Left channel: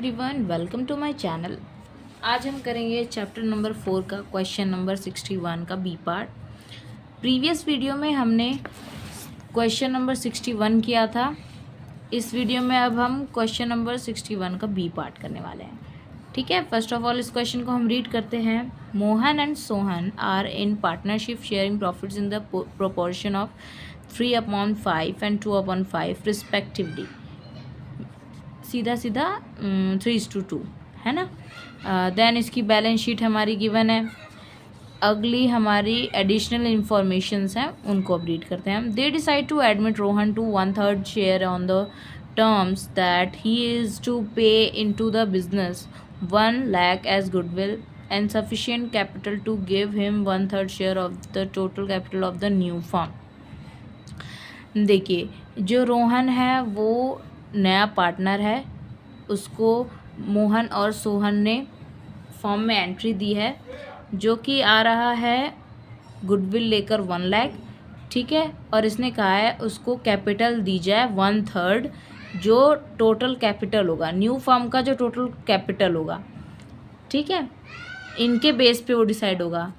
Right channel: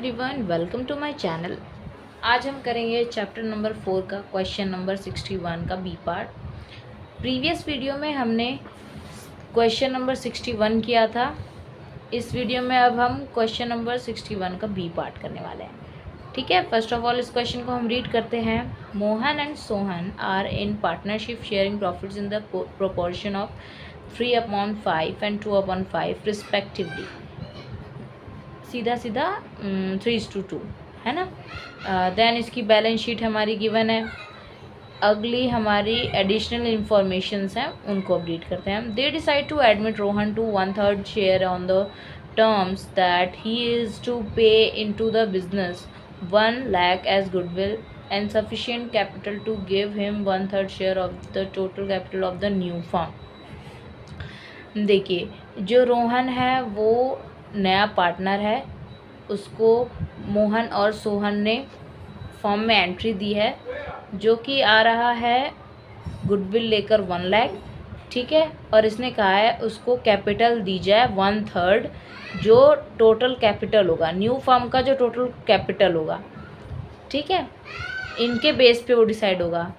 Everyone, welcome to my channel. आज हम करेंगे चैप्टर नंबर 4 का क्वेश्चन नंबर 61 का बी पार्ट। प्रीवियस वीडियो में हमने क्वेश्चन नंबर 61 किया था। इस वीडियो में अब हम क्वेश्चन नंबर 61 का बी पार्ट करने वाले हैं। ठीक है, फर्स्ट ऑफ ऑल इस क्वेश्चन को हम रीड करते हैं। Mohan and Sohan are in partnership sharing profits in the proportion of 3/5 and 2/5 respectively. सीधा 3:2 है ना। देन इसकी बैलेंस शीट हमारी गिवन है। अगली हमारी एडिशनल इंफॉर्मेशंस हैं, उनको अब रीड करते हैं। They decide to admit Rohan to 1/3 share on the terms that he is to pay into the business 1 lakh as goodwill and sufficient capital to give him 1/3 share of the total capital of the new firm. देखिए, जो रोहन है वो नया partner है, उसको मोहन और सोहन ने form में एंट्री दी है जो कि आ रहा है गुडविल लेकर 1 लाख। ठीक है, और इसने कहा है उसको कैपिटल दी जाए 1/3 जो टोटल कैपिटल होगा, न्यू फर्म का जो टोटल कैपिटल होगा। ठीक है, इनके बेस पे वो डिसाइड होगा।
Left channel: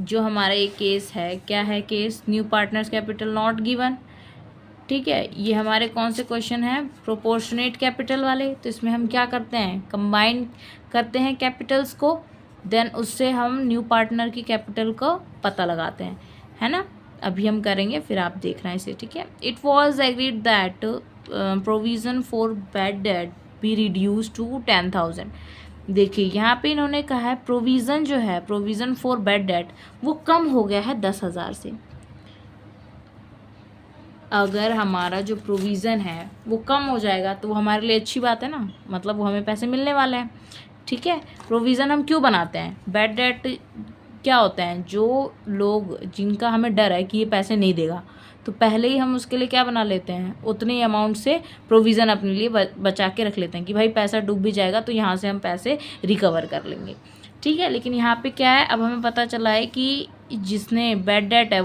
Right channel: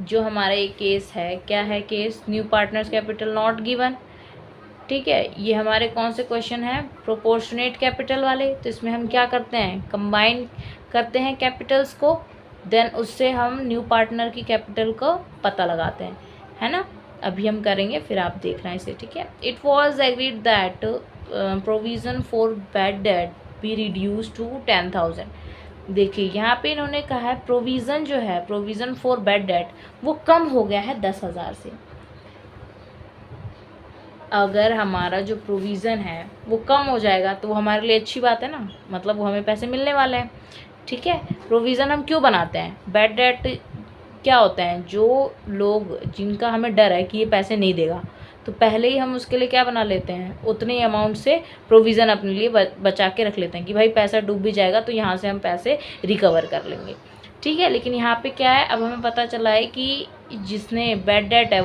जो हमारा ये केस है, क्या है case? New partners capital not given. ठीक है, ये हमारे कौन से क्वेश्चन हैं? प्रोपोर्शनेट कैपिटल वाले। तो इसमें हम क्या करते हैं? कंबाइन करते हैं कैपिटल्स को, देन उससे हम न्यू पार्टनर की कैपिटल को पता लगाते हैं, है ना। अभी हम करेंगे, फिर आप देखना इसे। ठीक है, it was agreed that provision for bad debt be reduce to 10,000। देखिए, यहाँ पे इन्होंने कहा है प्रोविज़न जो है, प्रोविज़न फॉर बैड डेट, वो कम हो गया है 10,000 से। अगर हमारा जो प्रोविज़न है वो कम हो जाएगा तो वो हमारे लिए अच्छी बात है ना, मतलब वो हमें पैसे मिलने वाले हैं। ठीक है, प्रोविज़न हम क्यों बनाते हैं? बैड डेट क्या होता है? जो लोग जिनका हमें डर है कि ये पैसे नहीं देगा, तो पहले ही हम उसके लिए क्या बना लेते हैं? उतने ही अमाउंट से प्रोविज़न अपने लिए बचा के रख लेते हैं कि भाई पैसा डूब भी जाएगा तो यहाँ से हम पैसे रिकवर कर लेंगे। ठीक है, लेकिन यहाँ पे क्या है, अब हमें पता चला है कि जिसने बैड डेट है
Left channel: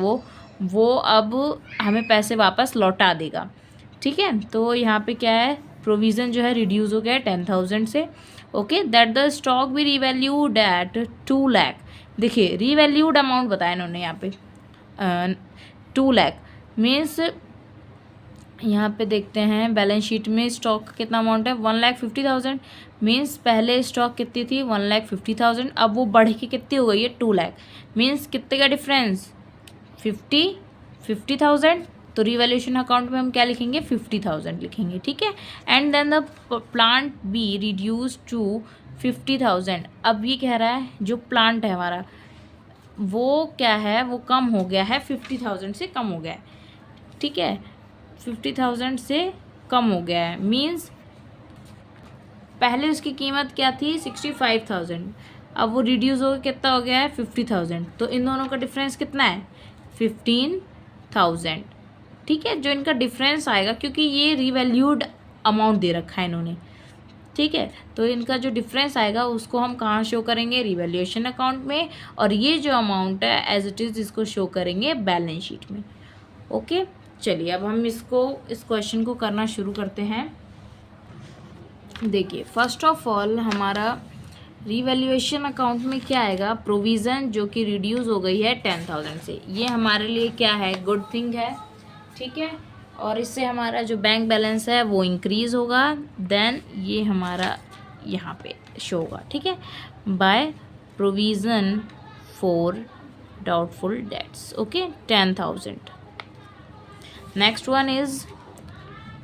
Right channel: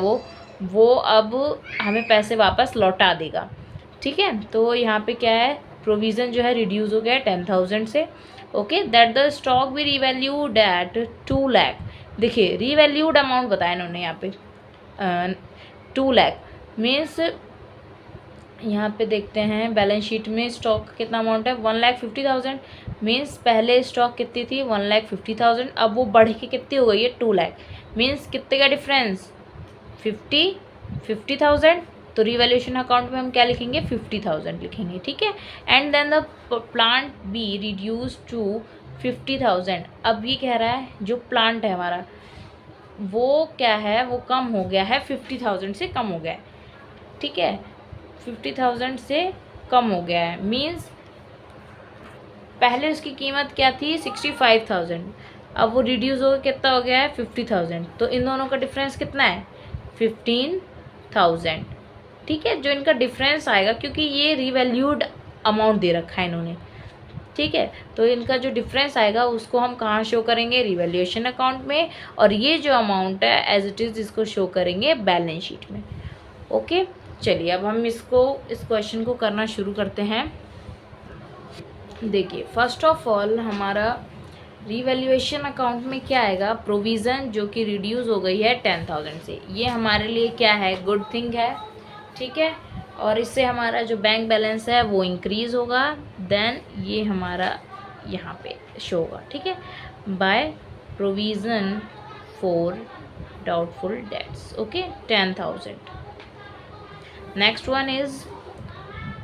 वो अब हमें पैसे वापस लौटा देगा। ठीक है, तो यहाँ पे क्या है, प्रोविज़न जो है रिड्यूस हो गया है 10,000 से। ओके, दैट द स्टॉक भी रिवैल्यूड एट 2 लाख। देखिए, रिवैल्यूड अमाउंट बताया इन्होंने यहाँ पे 2 लाख मीन्स, यहाँ पे देखते हैं बैलेंस शीट में स्टॉक कितना अमाउंट है, 1,50,000। मीन्स पहले स्टॉक कितनी थी? 1,50,000। अब वो बढ़ के कितनी हो गई है? 2 लाख। मीन्स कितने का डिफरेंस? 50,000। तो रिवैल्यूएशन अकाउंट में हम क्या लिखेंगे? 50,000 लिखेंगे। ठीक है, and then the plant be reduce to 50,000। अब ये कह रहा है जो प्लांट है हमारा वो क्या है, वो कम हो गया है, 50,000 से कम हो गया है। ठीक है, 50,000 से कम हो गया है। मीन्स पहले उसकी कीमत क्या थी? 65,000। अब वो रिड्यूस हो गया, कितना हो गया है? 50,000। तो इन दोनों का डिफरेंस कितना है? 15,000। ठीक है, जो इनका डिफरेंस आएगा, क्योंकि ये रिवैल्यूड अमाउंट दे रखा है इन्होंने। ठीक है, तो इनका जो डिफरेंस आएगा उसको हम कहाँ शो करेंगे? रिवैल्यूएशन अकाउंट में। और ये जो अमाउंट है एज इट इज़ इसको शो करेंगे बैलेंस शीट में। ओके, चलिए अब हम इस क्वेश्चन को करना शुरू करते हैं। देखिए, फर्स्ट ऑफ ऑल हमारा रिवैल्यूएशन अकाउंट में क्या आएगा? प्रोविज़न जो कि रिड्यूस हो गई है 10,000 से। ये हमारे लिए क्या है? गुड थिंग है। ठीक है, और इससे हमारा जो बैंक बैलेंस है वो इंक्रीज़ होगा। देन ये हमारा यहाँ पे शो होगा। ठीक है, by provision for doubtful debts. Okay, 10,000। Next one is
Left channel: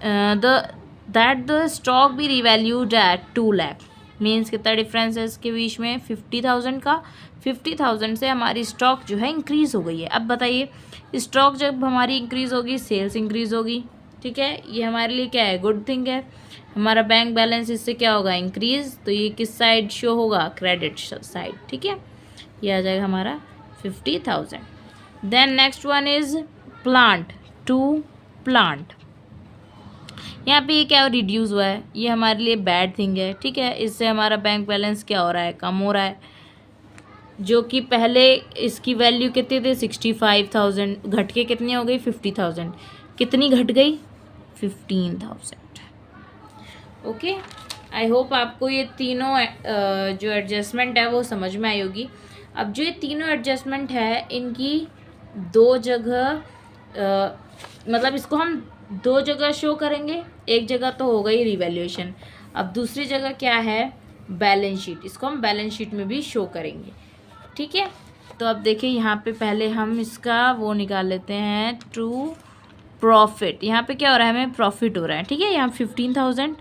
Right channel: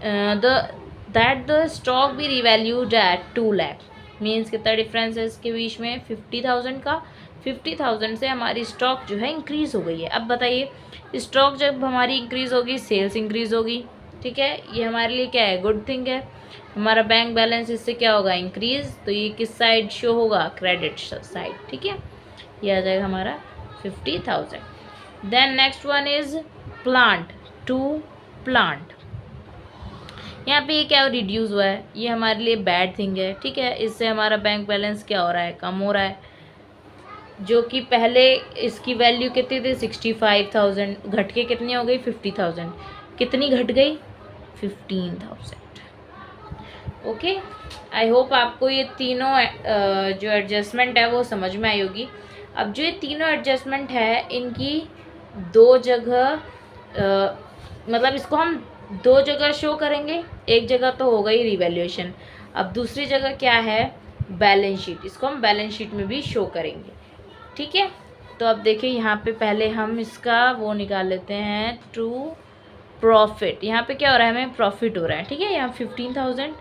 that the stock be revalued at 2 lakh. Means कितना डिफरेंस है इसके बीच में? 50,000 का। 50,000 से हमारी स्टॉक जो है इंक्रीज़ हो गई है। अब बताइए, स्टॉक जब हमारी इंक्रीज़ होगी, सेल्स इंक्रीज़ होगी। ठीक है, ये हमारे लिए क्या है? गुड थिंग है। हमारा बैंक बैलेंस इससे क्या होगा? इंक्रीज़। तो ये किस साइड शो होगा? Credit side. ठीक है, ये आ जाएगा हमारा 50,000। Then next one is plant to plant. यहाँ पे ये क्या रिड्यूस हुआ है, ये हमारे लिए बैड थिंग है। ठीक है, इससे हमारा बैंक बैलेंस क्या हो रहा है? कम हो रहा है। जो कि पहले इसकी वैल्यू कितनी थी? 65,000, घट के कितनी हो गई? 50,000। कितनी घट गई? 15,000। ओके, आई होप आपको ये तीनों जो एडजस्टमेंट है वो समझ में आई होगी। अब जो ये तीनों एडजस्टमेंट है इनकी दो जगह मतलब इसको हम दो जगह शो करेंगे। एक जगह तो होगा ही रिवैल्यूएशन, अब दूसरी जगह क्या है, बैलेंस शीट। इसको हम बैलेंस शीट में भी शो करेंगे। ठीक है, तो अब देखिए यहाँ पे पहले हम इसका वो निकाल लेते हैं, टू प्रॉफिट। यहाँ पे क्या हो रहा है, हमें प्रॉफिट हो रहा है। ठीक है, यहाँ 15,000,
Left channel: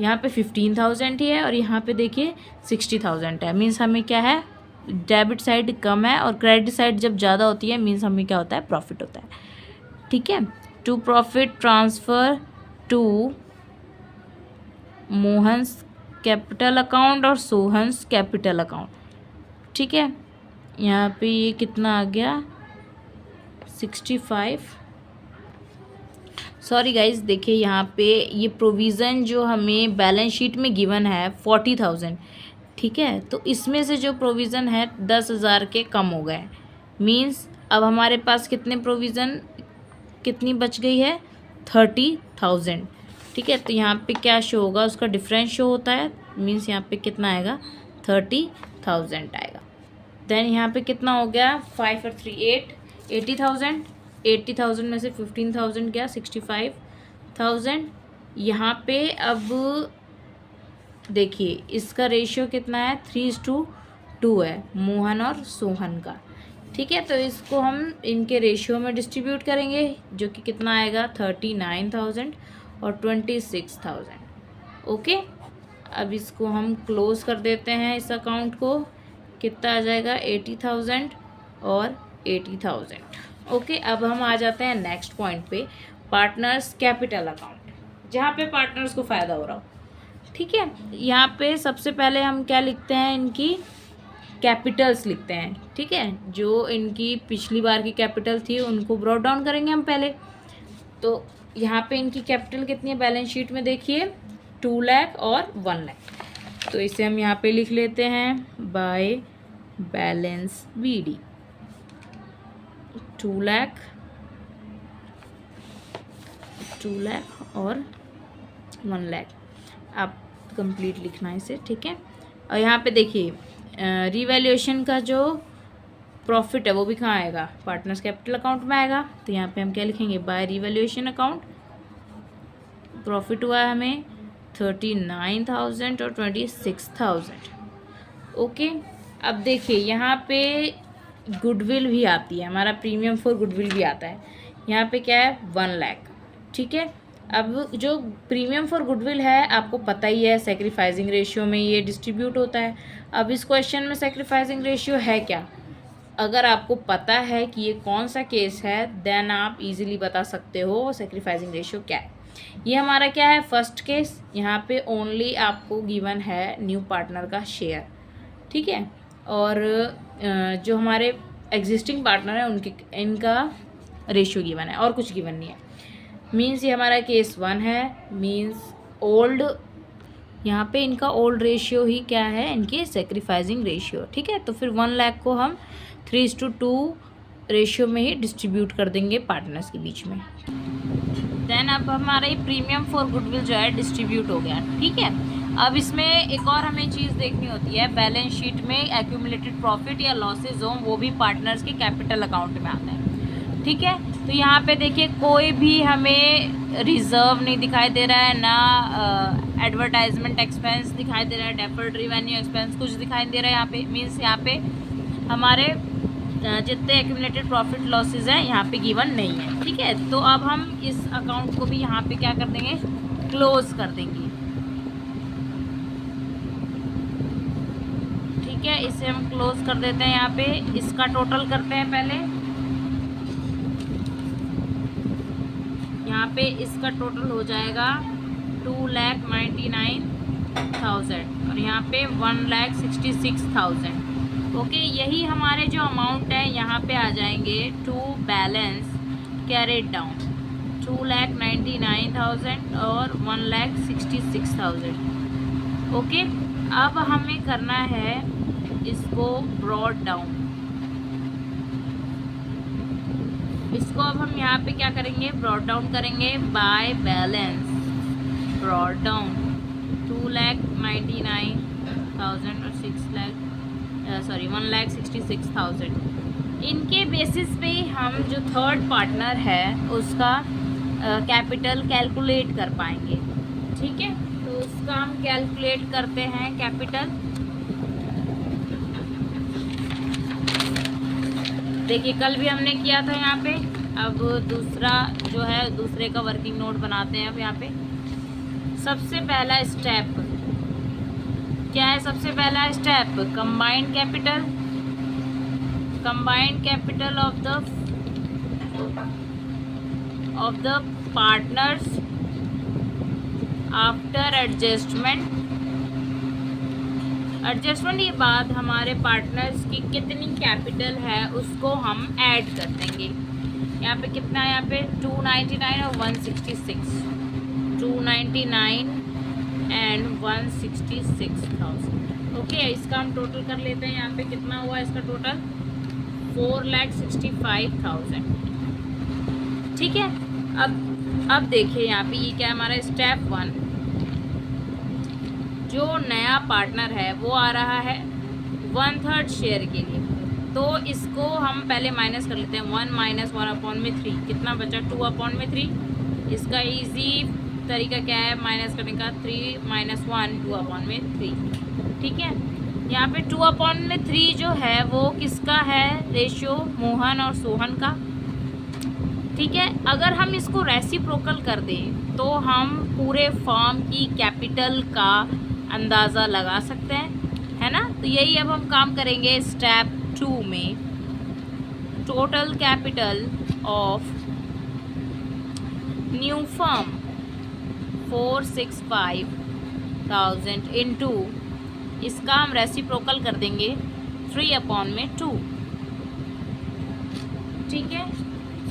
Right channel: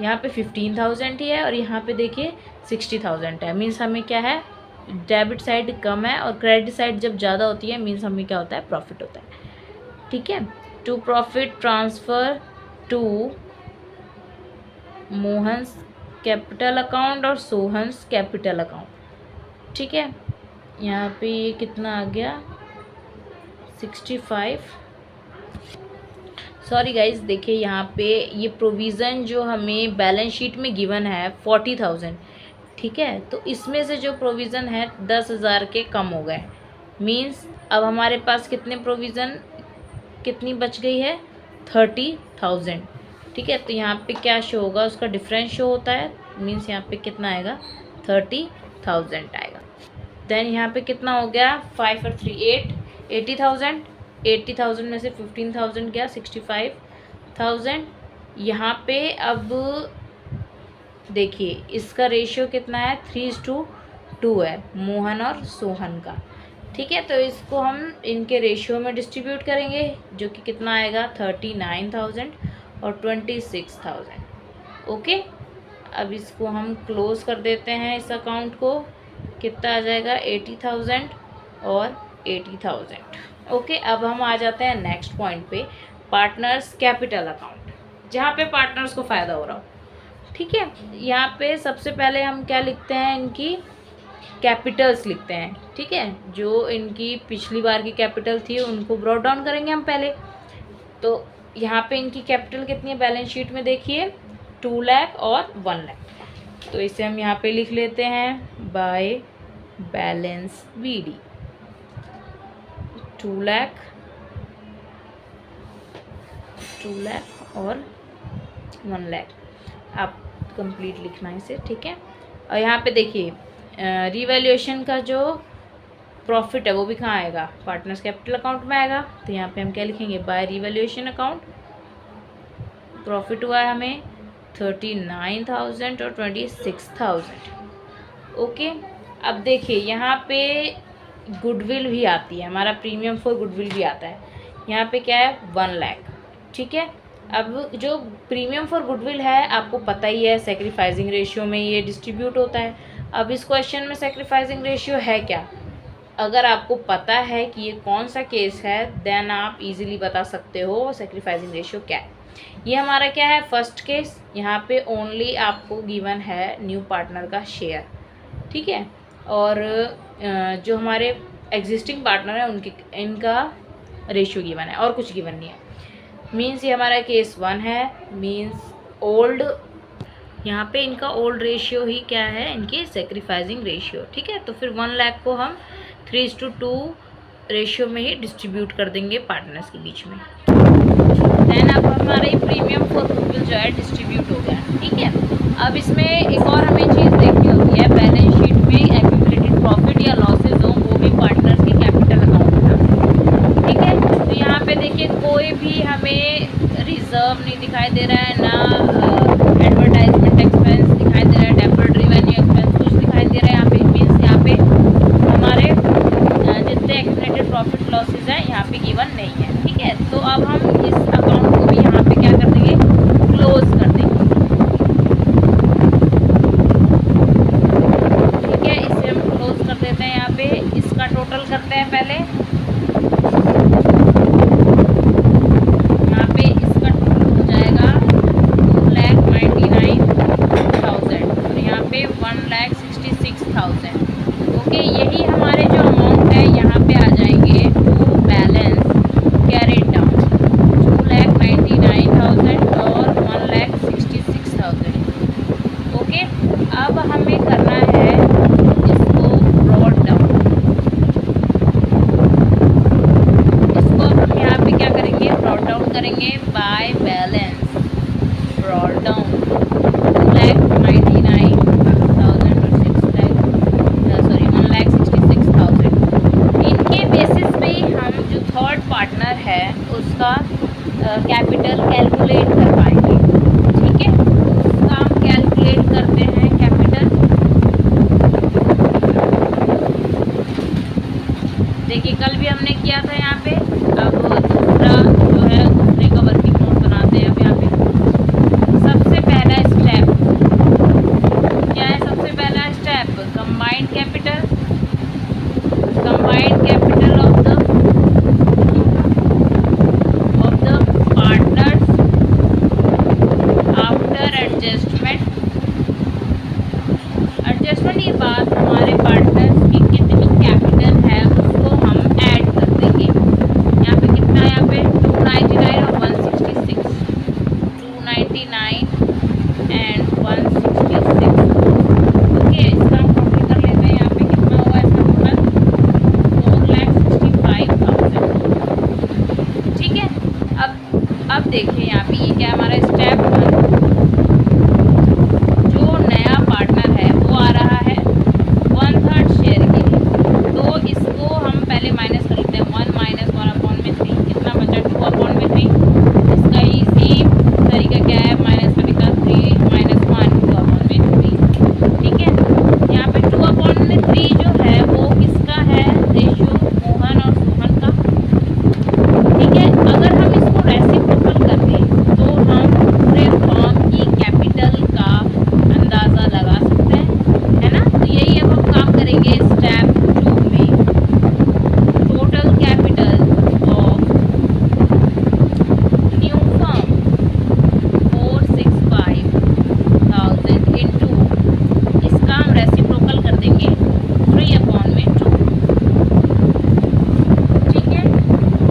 यहाँ पे 15,000 ही है और यहाँ पे देखिए 60,000 है। मीन्स हमें क्या है, डेबिट साइड कम है और क्रेडिट साइड जब ज़्यादा होती है मीन्स हमें क्या होता है, प्रॉफिट होता है। ठीक है, to profit transfer to Mohan's capital account और सोहन्स कैपिटल अकाउंट। ठीक है, यहाँ पे ये कितना आ गया, 65। सॉरी गाइज, देखिए यहाँ पे ये प्रोविज़न जो हमें बैलेंस शीट में गिवन है 40,000। ठीक है, तो इसमें से जो प्रोविज़न है 10,000 के कम हो गए। मीन्स अब हमारे पास कितने प्रोविज़न, कितनी बच गई है, 30,000। ठीक है, तो यहाँ पे क्या शो होगा, उसका डिफरेंस शो होता है। मीन्स यहाँ पे कितना आएगा, 30,000 आएगा। देन यहाँ पे कितना हो गया, 5 और 3 8, 80,000। 80,000 में से 15,000 गया, 65,000। यहाँ पे अब देखिए इसका रेशियो कितना है, 3:2 है मोहन और सोहन का। ठीक है, तो इसको हम इनके रेशियो में डिस्ट्रीब्यूट करेंगे, जो कि कितना आएगा, 39,000 और 26,000। ओके, अब इसको हम क्लोज कर देते हैं। इस अकाउंट को कितना आ जाएगा, 80,000 और 80,000। ओके, अब हम आ जाते हैं नेक्स्ट पॉइंट पे, पार्टनर्स कैपिटल अकाउंट, जहाँ पे पार्टनर्स को फ़ायदा हो रहा हो। ठीक है, यहाँ पे सबसे पहले हम क्या लिखते हैं, इनकी कैपिटल्स लिखते हैं। ठीक है, जो इनकी पिछली बार की कैपिटल थी उनको ब्रॉट डाउन करेंगे हम पहले। तो यहाँ पे इनकी कैपिटल कितनी है बैलेंस शीट में, देखिए 2 लाख और 1 लाख। तो इसे हम यहाँ पे लिख लेते हैं बाय बैलेंस BD, 2 लाख और 1 लाख। आप कंप्लीट लिखना है इसे। ठीक है, और यहाँ पे देखिए रिवैल्यूएशन का जो प्रॉफिट है वो भी कहाँ आएगा, पार्टनर्स कैपिटल अकाउंट में आएगा। तो यहाँ पे हम क्या लिखेंगे, बाय रिवैल्यूएशन अकाउंट। प्रॉफिट हुआ है हमें 39,000 और 26,000। ओके, अब देखिए यहाँ पे गुडविल भी आती है, हमारा प्रीमियम फॉर गुडविल भी आता है। यहाँ पे क्या है, 1 लाख। ठीक है, अब जो प्रीमियम फॉर गुडविल है आपको पता ही है, सेक्रीफाइसिंग रेशियो में ये डिस्ट्रीब्यूट होता है। अब इस क्वेश्चन में सेक्रीफाइसिंग रेशियो है क्या, अगर आपको पता है कि ये कौन सा केस है देन आप इजीली बता सकते हो सेक्रीफाइसिंग रेशियो क्या है। ये हमारा क्या है, फर्स्ट केस। यहाँ पे ओनली आपको गिवन है न्यू पार्टनर का शेयर। ठीक है, और जो हमारे एग्जिस्टिंग पार्टनर है उनके इनका रेशियो गिवन है और कुछ गिवन नहीं है। मीन्स ये हमारा केस 1 है। मीन्स ओल्ड, यहाँ पे इनका ओल्ड रेशियो ही क्या है, इनकी सेक्रीफाइसिंग रेशियो। ठीक है, तो फिर 1 लाख को हम 3:2 रेशियो में ही डिस्ट्रीब्यूट कर देंगे पार्टनर्स के बीच में। देन अब हमारा ये प्रीमियम फॉर गुडविल जो है डिस्ट्रीब्यूट हो गया। ठीक है, अब इसमें एक और हमें चीज़ देखनी होती है, बैलेंस शीट में एक्यूमुलेटेड प्रॉफिट या लॉसेज हो वो भी पार्टनर्स के कैपिटल अकाउंट में आते हैं। ठीक है, तो यहाँ पे देखिए कोई भी हमें रिजर्व नहीं दिखाई दे रहा है, ना एडवर्टाइजमेंट एक्सपेंस दिखाई दे रहा है, डेफर्ड रेवेन्यू एक्सपेंस कुछ दिखाई दे रहा है यहाँ पे। मीन्स यहाँ पे हमारे जितने एक्यूमुलेटेड प्रॉफिट लॉसेज हैं यहाँ पे गिवन नहीं है। ठीक है, तो अब हम इस अकाउंट को भी यहाँ पे क्या कर देंगे, क्लोज कर देंगे। ठीक है, इसे हम क्लोज कर देते हैं। यहाँ पे इसका टोटल करते हैं पहले। यहाँ पे इसका टोटल हो जाएगा 2,99,000 और यहाँ पे 1,66,000। ओके, यही हमारे जो अमाउंट है यहाँ पे आ जाएंगे टू बैलेंस कैरेड डाउन, 2,99,000 और 1,66,000। ओके, अब हमें करना है इसको ब्रॉट डाउन। इसको अब हम यहाँ पे क्या करेंगे, ब्रॉट डाउन करेंगे बाय बैलेंस ब्रॉट डाउन। उसका कैपिटल कैलकुलेट कर पाएंगे। ठीक है, तो उसका हम कैलकुलेट करते हैं कैपिटल। देखिए कल भी हमने किया था यहाँ पे। अब दूसरा जो है दूसरे का वर्किंग नोट बनाते हैं। अब यहाँ पे सबसे पहला स्टेप क्या है? सबसे पहला step combined capital of the partners after adjustment. ये बात हमारे पार्टनर्स की कितनी कैपिटल है उसको हम ऐड कर देंगे। यहाँ पे कितना है? यहाँ पे 299 और 166, 299 एंड 166। ओके, इसका हम टोटल कर लेते हैं। यहाँ पे कितना हुआ इसका टोटल? 4,65,000। ठीक है, अब देखिए यहाँ पे ये क्या हमारा स्टेप 1, जो नया पार्टनर है वो आ रहा है 1/3 शेयर के लिए। तो इसको हम पहले माइनस कर लेते हैं। 1 - 1/3 कितना बचा? 2/3। इसका इजी तरीका क्या है माइनस करने का? 3 - 1 2/3। ठीक है, यहाँ पे 2/3 जो है वो किसका है? रेशियो मोहन और सोहन का। ठीक है, अगर हम इसको रेसिप्रोकल कर दें तो हम पूरे फर्म की कैपिटल का अंदाज़ा लगा सकते हैं, है ना। तो यही अब हम काम करेंगे स्टेप 2 में। Total capital of new firm 465,000 into, इसका हम रेसिप्रोकल कर देंगे 3/2। ठीक है,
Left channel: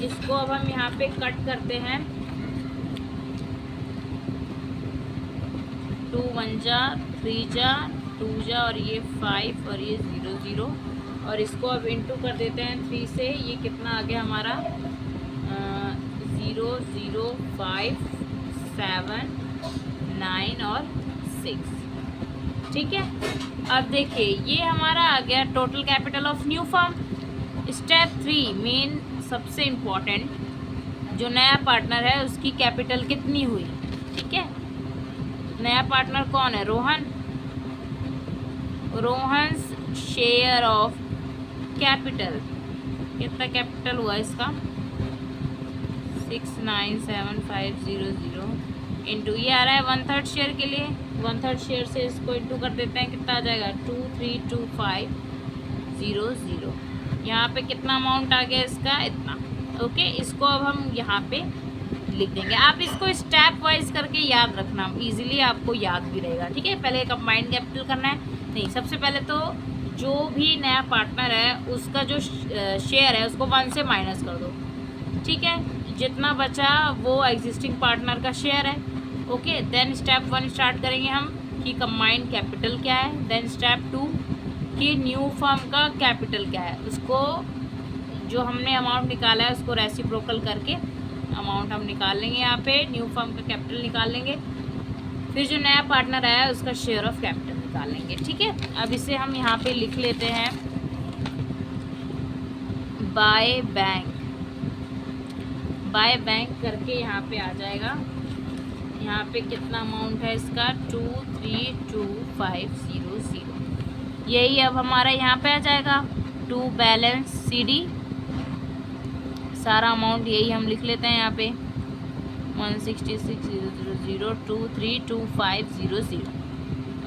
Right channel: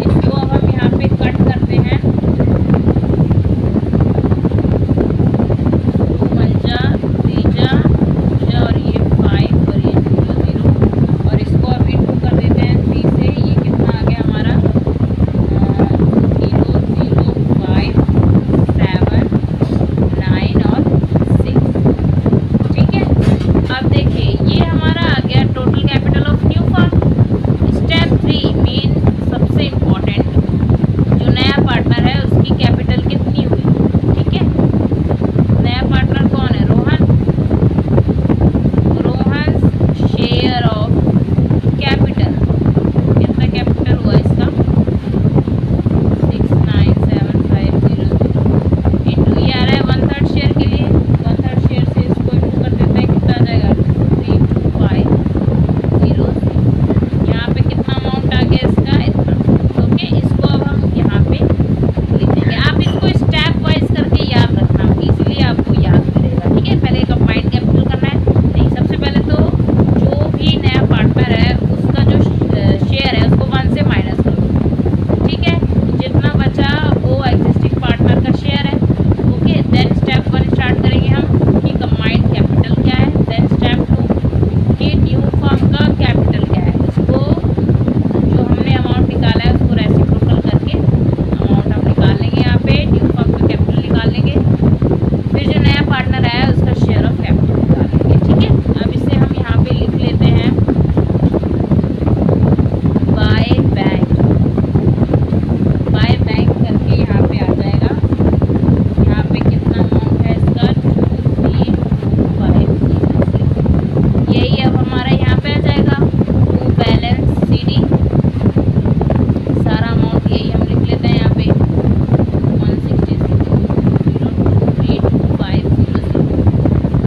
इसको अब हम यहाँ पे कट करते हैं। 2 × 1 = 3 × और ये 5 और ये 0 0, और इसको अब इंटू कर देते हैं 3 से। ये कितना आ गया हमारा? 0 0 5 7 9 और 6। ठीक है, अब देखिए ये हमारा आ गया total capital of new firm. Step 3 main सबसे इम्पोर्टेंट, जो नया पार्टनर है उसकी कैपिटल कितनी हुई। ठीक है, नया पार्टनर कौन है? रोहन शेयर ऑफ कैपिटल, कितना कैपिटल हुआ इसका? 697,500 इंटू ये आ रहा है 1/3 शेयर के लिए। 1/3 शेयर से इसको इंटू कर देते हैं, कितना आ जाएगा? 232500। यहाँ पे कितना अमाउंट आ गया इसका? इतना। ओके, इसको अब हम यहाँ पे लिख देंगे। आप इसको स्टेप वाइज करके याद रखना, इजीली आपको याद मिलेगा। ठीक है, पहले कंबाइंड कैपिटल करना है। नहीं, सबसे पहले तो जो भी नया पार्टनर है उसका जो शेयर है उसको 1 से माइनस कर दो। ठीक है, जितना बचा वो एग्जिस्टिंग पार्टनर का शेयर है। ओके, देन स्टेप 1 स्टार्ट करेंगे हम कि कंबाइंड कैपिटल क्या है। देन स्टेप 2 कि न्यू फर्म का कैपिटल क्या है। उसको जो हमने अमाउंट निकाला है उसको रेसिप्रोकल करके अमाउंट हम निकाल लेंगे। यहाँ पे न्यू फर्म का कैपिटल निकाल लेंगे, फिर जो नया पार्टनर आया है उसका शेयर ऑफ कैपिटल निकाल लेंगे। ठीक है, अब इसे हम यहाँ पे लिख लेते हैं बाय बैंक करके यहाँ पे आ जाएगा। यहाँ पे कितना अमाउंट है इसका? 232,500। यही अब हमारा यहाँ पे आ जाएगा टू बैलेंस CD। सारा अमाउंट यही हम लिख लेते हैं यहाँ पे 166,00232,500।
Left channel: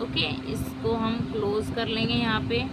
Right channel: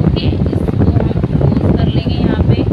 ओके, इसको हम क्लोज कर लेंगे यहाँ पे।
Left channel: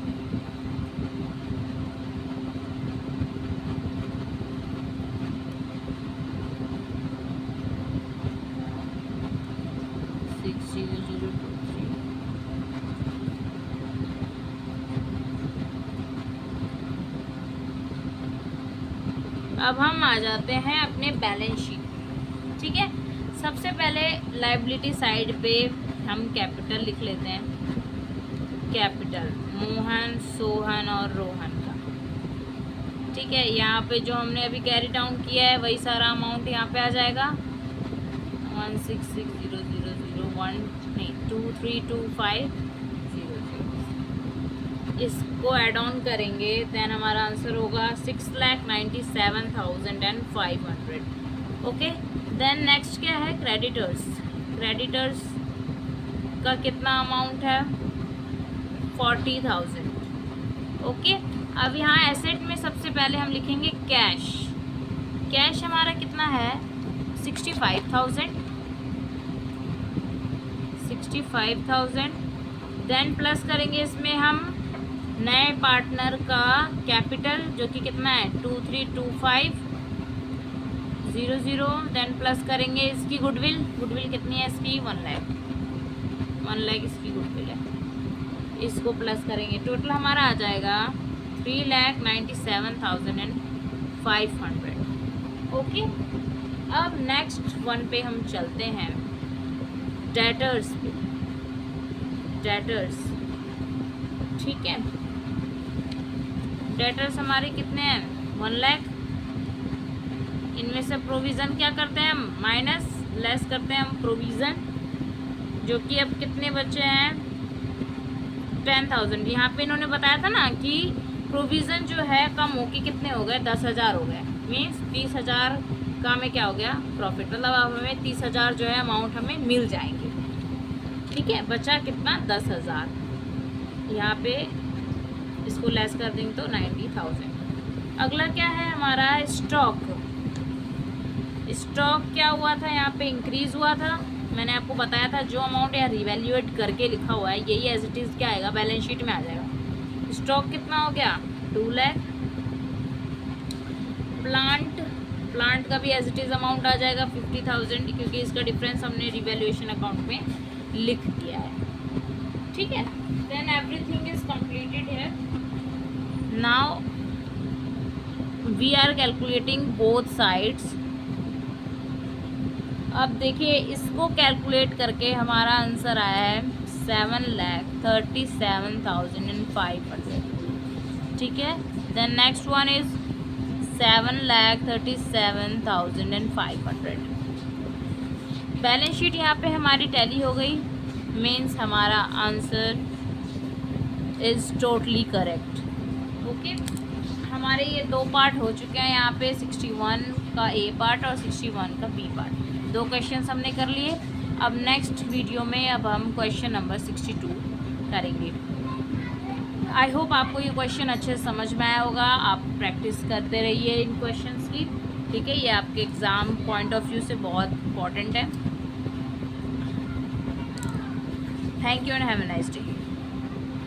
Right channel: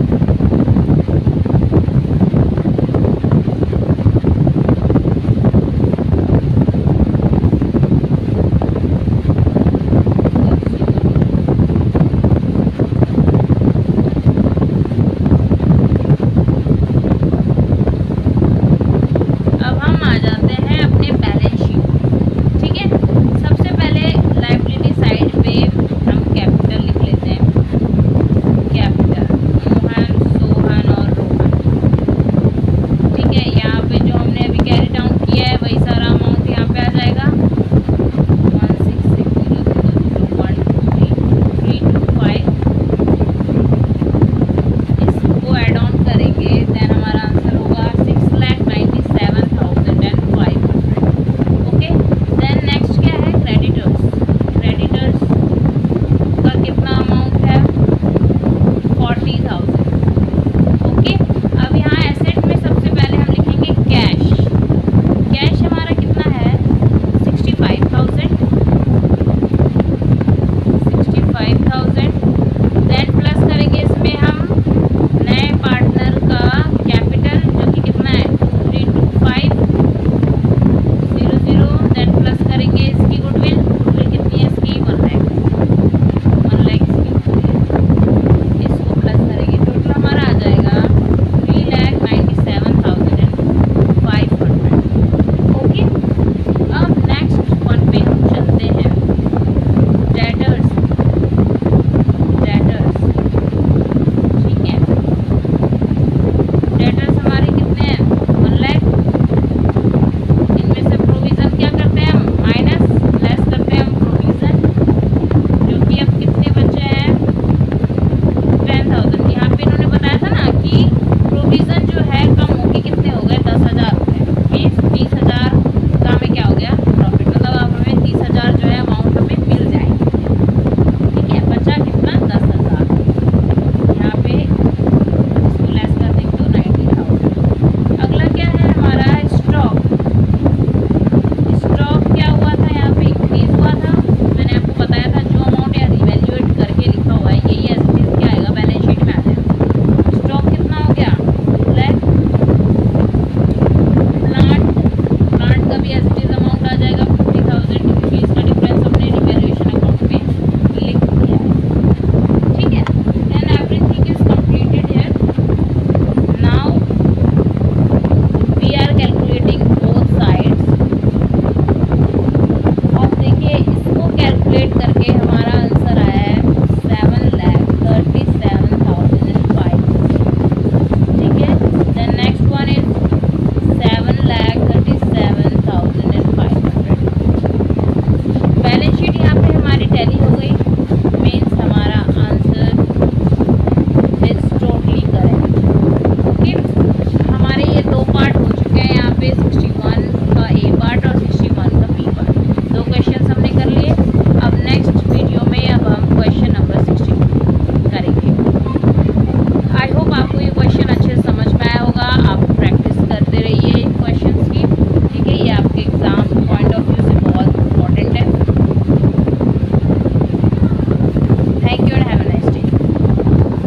कि अब कितने बचे हैं 10,000। यहाँ पे इन्होंने बताया था ना कि प्रोविज़न जो है कम होके कितने हो गए 10,000 हो गए, मीन्स 30,000 का हमें क्या हो गया प्रॉफिट, मतलब अब हमें 30,000 जो है अमाउंट हमें मिल जाएंगे। ठीक है, बचा कितना 10,000। यहाँ पे इसको लेस कर देंगे तो 90,000। अगला क्या है हमारा स्टॉक। स्टॉक क्या हुआ था, यहाँ पे इंक्रीज हुआ था। मैंने आपको बताया था जो अमाउंट यहाँ रिवैल्यूएट करके लिखा हुआ है यही एज इट इज क्या आएगा बैलेंस शीट में आ जाएगा। स्टॉक कितना हो गया 2 लाख। प्लांट का भी एज इट इज अमाउंट आ जाएगा 50,000, क्योंकि इसका डिफरेंस हमने रिवैल्यूएशन अकाउंट में लिख दिया है। ठीक है, then everything is completed here. Now we are calculating both sides. अब देखिए इसको कैलकुलेट करके हमारा आंसर आया है 7,37,500। ठीक है, the next one is 7,37,500। Balance sheet यहाँ पे हमारी टैली हो गई, मीन्स हमारा answer is totally correct. Okay, हमारे ये 2 पार्ट हो चुके हैं यहाँ पे, 61 का ए पार्ट और 61 का बी पार्ट। 2 क्वेश्चन हमने कर लिए। अब नेक्स्ट